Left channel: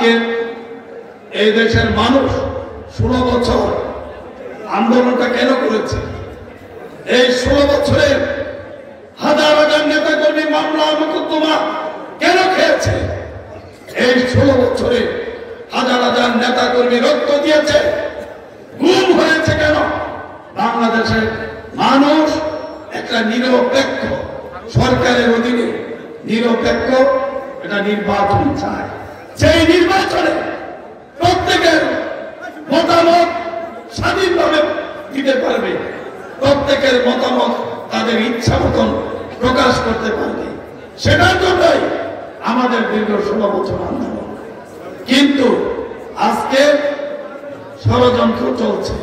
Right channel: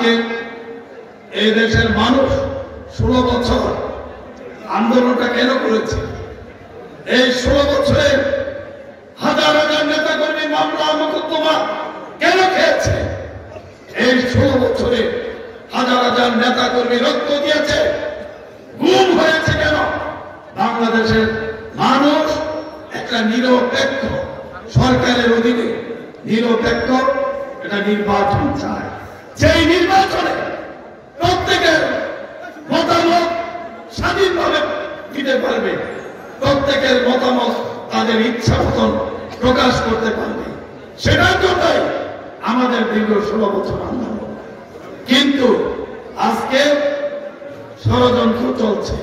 আজকে এই দেশের মানুষ 16 বছর আন্দোলনটা কেন করেছে? এই 16 বছরে হাজার হাজার নেতা কর্মী মামলা মোকদ্দমা কেন খেয়েছে? এই 16 বছরে হাজার হাজার নেতা কর্মী রক্ত দিয়েছে, গুম হয়েছে কেন? বাংলাদেশের মানুষ একটা নিরপেক্ষ সরকারের অধীনে নিরপেক্ষ একটা নির্বাচন চায়। সেই নির্বাচনে প্রত্যেকের মতামত স্বাধীনভাবে দিতে পারবে, প্রত্যেকের মতামত তাদের ইচ্ছা মতন প্রকাশ করতে পারবে। সেটার জন্যই আমাদের দীর্ঘ 16 বছর আন্দোলন। কিন্তু আজকে ষড়যন্ত্র চলছে।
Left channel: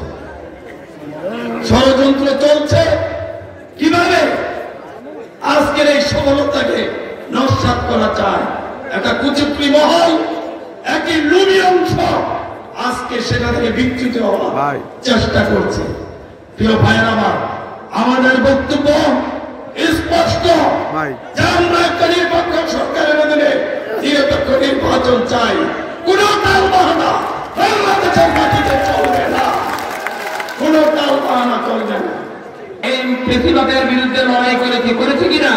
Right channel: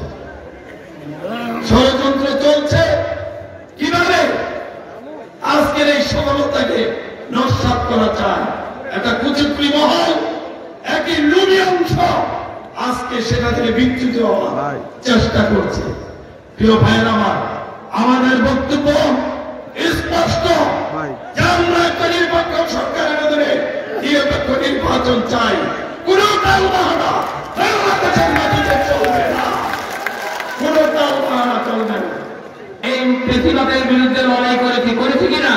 ষড়যন্ত্র চলছে কিভাবে? আজকের এই সফলতাকে নস্যাৎ করা চায় একটা কুচক্রী মহল, একই লুবি অংশ আজকে সেটা থেকে বিচ্যুত হওয়ার চেষ্টা করছে। প্রিয় ভাইরা আমার, আমাদের বক্তব্য স্পষ্ট যে আমরা একটা নিরপেক্ষ সরকারের অধীনে নিরপেক্ষ নির্বাচন চাই। কোন টালবাহানা বাংলাদেশের মাটিতে চলবে না, কোন টালবাহানা চলবে না। এই প্রেসিডেন্টের বিরুদ্ধে লড়াই করেছি কিনা?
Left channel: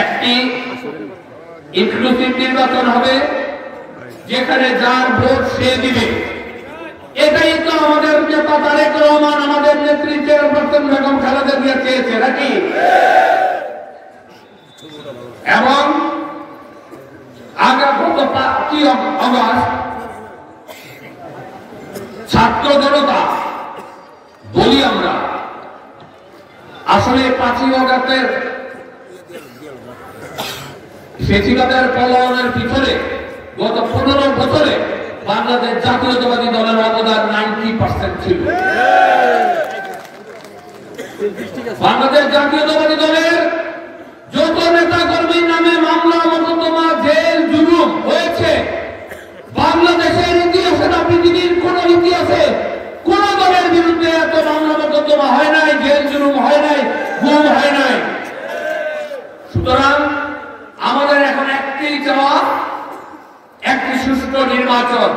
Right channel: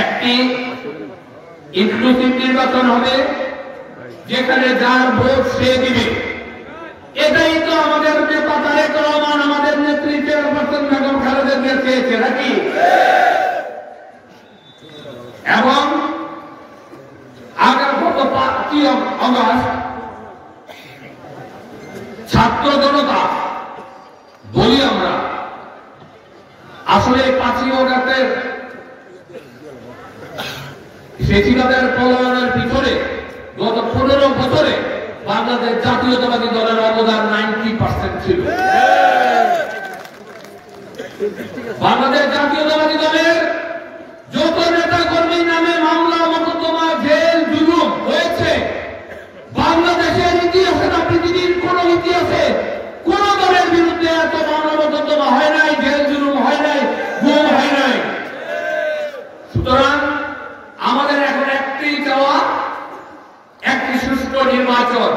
একটি ইনক্লুসিভ নির্বাচন হবে যেখানে যার ভোট সে দিবে। এটাই তো আমাদের নেতা তারেক রহমান, আমাদের নেত্রী চেয়ারপারসন বেগম খালেদা জিয়া চেয়েছে নাকি? এবং আগামী 5 অগস্ট ছাত্র জনতা বলি আমরা, আসলে 5 অগস্টের ফেসিবাদের পলায়নের পিছনে গত 15 বছরে বাংলাদেশ জাতীয়তাবাদী দলের অবদান 90% ছিল। বাংলাদেশ জাতীয়তাবাদী দলের যত নেতা কর্মীর নামে মামলা মোকদ্দমা জেল জুলুম হয়েছে, বাংলাদেশের ইতিহাসে না পৃথিবীর কোন ইতিহাসে কোন দলের বিরুদ্ধে এত মামলা মোকদ্দমা হয় নাই, জেল জুলুম হয় নাই, গুম হয় নাই। সুতরাং আমাদের এখন একটাই চাওয়া, একটি সুষ্ঠু নির্বাচন।